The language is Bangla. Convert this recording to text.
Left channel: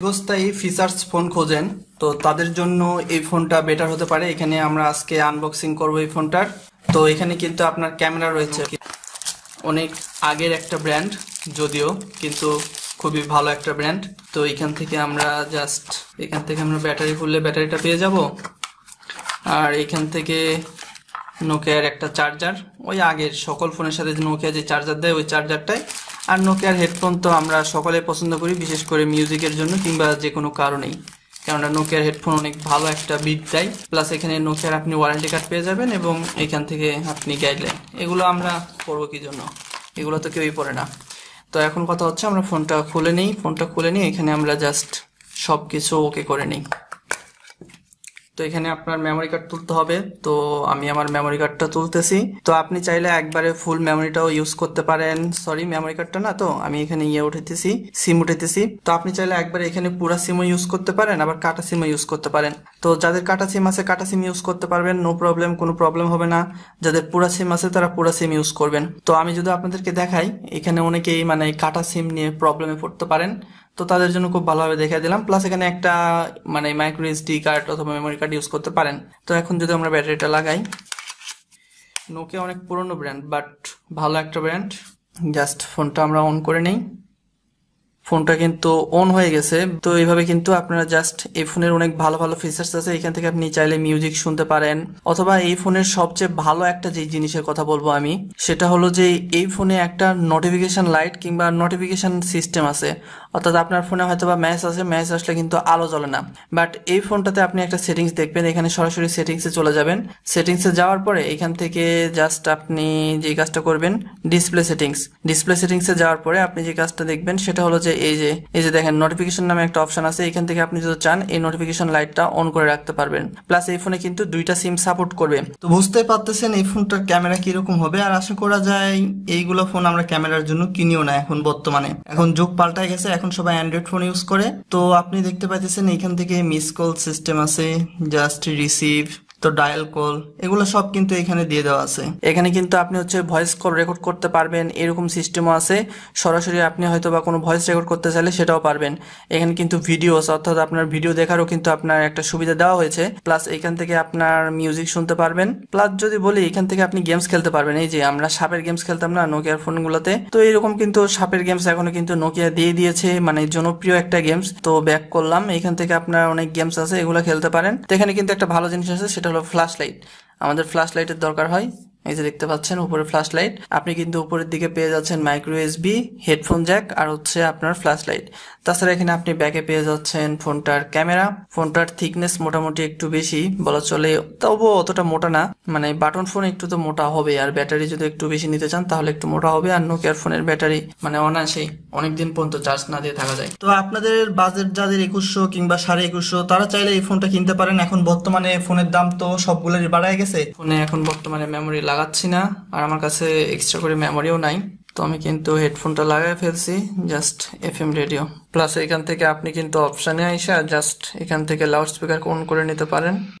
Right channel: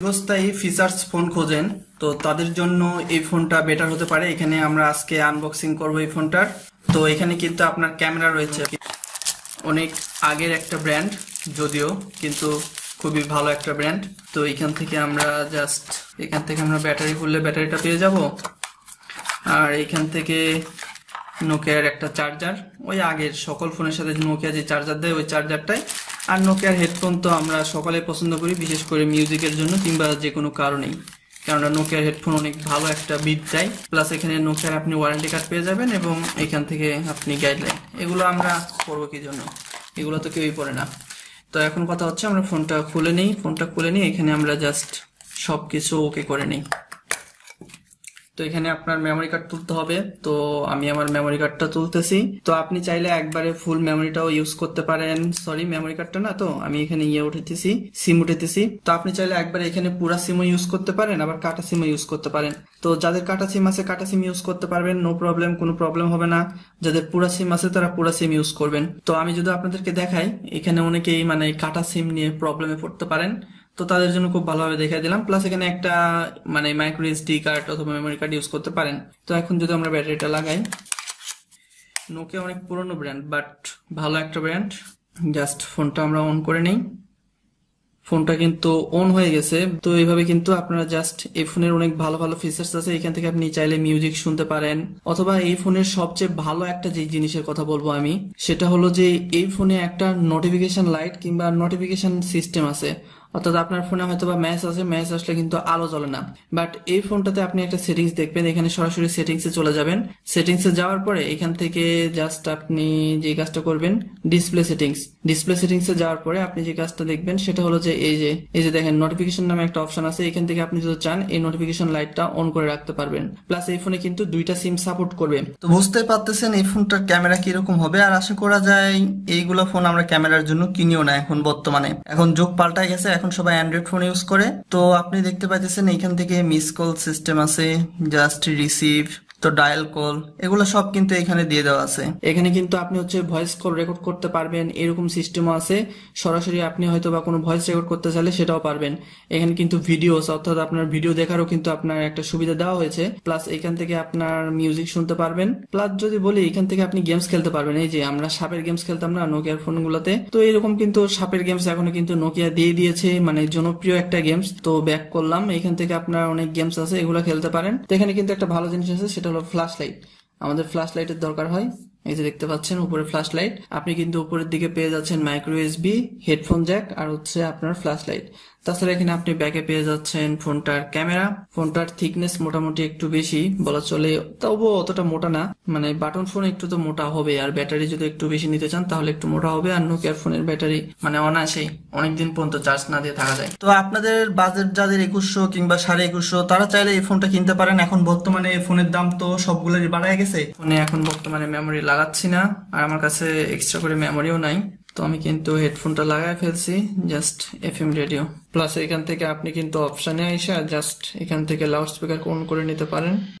দীর্ঘস্থায়ী ফিচার্স ফোন খোঁজেন তো তাদের জন্য এই ফোনটা বেটার হতে পারে। এখানে আমরা আজকে আনবক্সিং করব এই ফোনটার। তো এখানে কিন্তু আপনার ক্যামেরা রয়েছে, অনেক আগের একটা ব্র্যান্ড যদিও, কিন্তু খুবই ভালো একটা ব্র্যান্ড। তো এখান থেকে আমরা ব্যাটারি খুললে ব্যাটারিটা পেয়ে যাব। আর এখান থেকে নোকিয়ার একটা চার্জার, ওই আগের সকল ফোনের সাথে নোকিয়া যে চার্জার দেয় ওই চার্জারটাই। আর নোকিয়ার হেডফোন তো আমরা সকলে পছন্দ করি, বিশেষ করে মিউজিকের জন্য কিংবা যে কোনো কারণেই, কেননা নোকিয়ার হেডফোন অনেক ভালো একটা বিট দেয়। প্লাস এখানে নোকিয়ার আপনি ওয়ারেন্টি কার্ড পেয়ে যাবেন এবং এখান থেকে আপনি গাইডলাইন। এগুলো আমরা করবো কি জন্য, এগুলো তো কেউই পড়ে না। তো এখন কথা হচ্ছে আমরা ফোনটা খুলে নিই। এখানে আমরা জাস্ট সবকিছু ওকে করে নিই। তো এখানে আপনার মেমোরি কার্ড তুলতে হবে, তো আমি আমার মেমোরি কার্ডটা তুলতেছি। তো আপনি চাইলে একবারে ফুল মেমোরিটাও ইউজ করতে পারেন, সরি মেমোরি কার্ডটা না, তো আমি এখানে সিম উঠাইতেছি। তো আপনি চাইলে একবারে এখানে পুরা সিমও ইউজ করতে পারেন, আবার কাটা সিমও ইউজ করতে পারেন। তো যাদের কাটা সিম আছে কাটা সিম ইউজ করতে পারবেন, নো প্রবলেম, কোনো প্রবলেম হবে না। যাদের পুরা সিম আছে তারা পুরা সিম ইউজ করবেন। তো আমি যদি আপনাদেরকে দেখাই, এখানে অনেকেই মানে কাটা সিম নিয়ে প্রবলেমে পড়তে পারেন, তো তাদের জন্য খুব ভালোভাবে দেখিয়ে দিলাম। প্লাস এখানে একটা মানে মাইক্রো এসডি কার্ড অথবা মেমোরি কার্ড ইউজ করতে পারেন। তো এখন যদি আমরা ব্যাটারিটা লাগাই, নোকিয়া অনেক পুরনো ব্র্যান্ড বাট ভালো একটা ব্র্যান্ড। জাস্ট ফোনটা আমরা অন করে নিই। ফোনটা কিন্তু অন হয়ে গেছে। তো এইভাবে কিন্তু আপনারা জাস্ট এই ফোনের অনেক ভালো ভালো ফিচার্স আছে, এখান থেকে আপনি চাইলে মিউজিক শুনতে পারেন। অথবা এই ফোনের সবচেয়ে ভালো একটা যে জিনিসের কথা বলবো আমি, সেটা হলো যে এই ফোনে একটা নোটিফিকেশন লাইট কিংবা নোটিফিকেশন সিস্টেম আছে। অর্থাৎ আপনার ফোনে হয়তো বা ম্যাচ আছে, ম্যাচ আসলে কিন্তু আলো জ্বলে না, বাট এই ফোনটাতে আপনি একটা সেটিংস দেখবেন। এখানে সরাসরি সেটিংসে চলে যাবেন। সেটিংসে যাওয়ার পরে এখান থেকে জাস্ট আপনি যে কাজটা করবেন, ডিসপ্লে সেটিংসে যাওয়ার পরে আপনি যে কাজটা দেখবেন সেটা হলো যে এই যে দেখেন নোটিফিকেশন নামে একটা অপশন আছে। এখান থেকে আপনি যদি চান এই নোটিফিকেশন লাইটটা অন করে রাখতে পারবেন। প্লাস এই ফোনে কিন্তু দুইটা সিম সাপোর্ট করবে। তো বুঝতে পারতেছেন এই ফোনটার ক্যামেরা কিরকম হবে। আর আশা করা যায় এইগুলো ফোন আমরা ক্যামেরার জন্য কিনিও না এখন বর্তমানে, এখন যুগ পাল্টায় গেছে, এখন সবাই অ্যান্ড্রয়েড ফোন ইউজ করে। তো আপনি দেখতে পাইতেছেন এখান থেকে মিস কল সিস্টেম আছে, জাস্ট রিসিভ, তো ডায়াল কল, এগুলো সব কিন্তু এখানে দিয়ে দেওয়া আছে। এখানে কিন্তু আপনি হচ্ছে ভয়েস কল রেকর্ড করতে পারবেন, এরকম সিস্টেমও আছে। সরাসরি আপনি হয়তো বা কোনো ভয়েস রেকর্ড করতে চাইলে সেটাও পারবেন। এখানে কিন্তু ভিডিওস, অর্থাৎ আপনার ভিডিও দেখারও কিন্তু আপনার একটা সুবিধা দেওয়া হয়েছে। প্লাস এখান থেকে আপনার মিউজিক শুনতে পারবেন। প্লাস যদি বলি এখান থেকে আপনি গেমস খেলতে পারবেন। এই যে আমরা সাপের গেমস খেলতাম না নোকিয়ার ফোনগুলোতে, তো এরকম কিন্তু সাপের গেমস এখনো কিন্তু নোকিয়া দিয়ে দিয়েছে, মানে জনপ্রিয় একটা গেমস। তো ব্যাক করলাম, এখান থেকে আপনার অনেক গেমস আছে, এগুলো খেলতে পারেন। তো এখানে কিন্তু একটা ভালো জিনিস আছে, সেটা হলো ফ্ল্যাশ লাইট। আমাদের ফ্ল্যাশ লাইটের দরকার হয়, এই যে দেখতে পাচ্ছেন উপরে ফ্ল্যাশ লাইট। আপনি কিন্তু উপরের দিকে পেয়ে যাচ্ছেন মাইক্রো এসবি, হেডফোন জ্যাক, আর হচ্ছে আপনার ফ্ল্যাশ লাইট। তাছাড়া এখানে আপনি ব্যাকে পেয়ে যাচ্ছেন ফোনটার ক্যামেরা। ফোনটার থিকনেস মোটামুটি একটু বেশি বলা চলে, তবুও অতটা মোটা না, মানে বাটন ফোন একটু তো মোটা হবে। আর ব্যাটারি যদি একটু বেশি নিতে চান তাহলে একটু মোটা হবে। আর নোকিয়ার ফোনের ব্যাটারি মানে অনায়াসে অনেকদিন পর্যন্ত চার্জ না দিয়ে থাকা যায়। তো আপনাদের বাজেট যাদের 2100 কিংবা 2150, তারা চাইলে এই ফোনটা কিনতে পারেন। এখন বর্তমানে ফোনের দাম তো সবগুলোরই বাড়ায় গেছে। ফোনে এখন বর্তমানে মেমোরি লাগাচ্ছি না, আর আমার কাছে এক্সট্রা করে মেমোরিও নাই। তো আমি কিন্তু হেডফোনটা লাগাই ফেলছি, জাস্ট এফএম রেডিও। প্লাস এখান থেকে আপনি কিন্তু অপশনে আইসা জাস্ট এখান থেকে লাউড স্পিকার অন করে নিতে পারেন।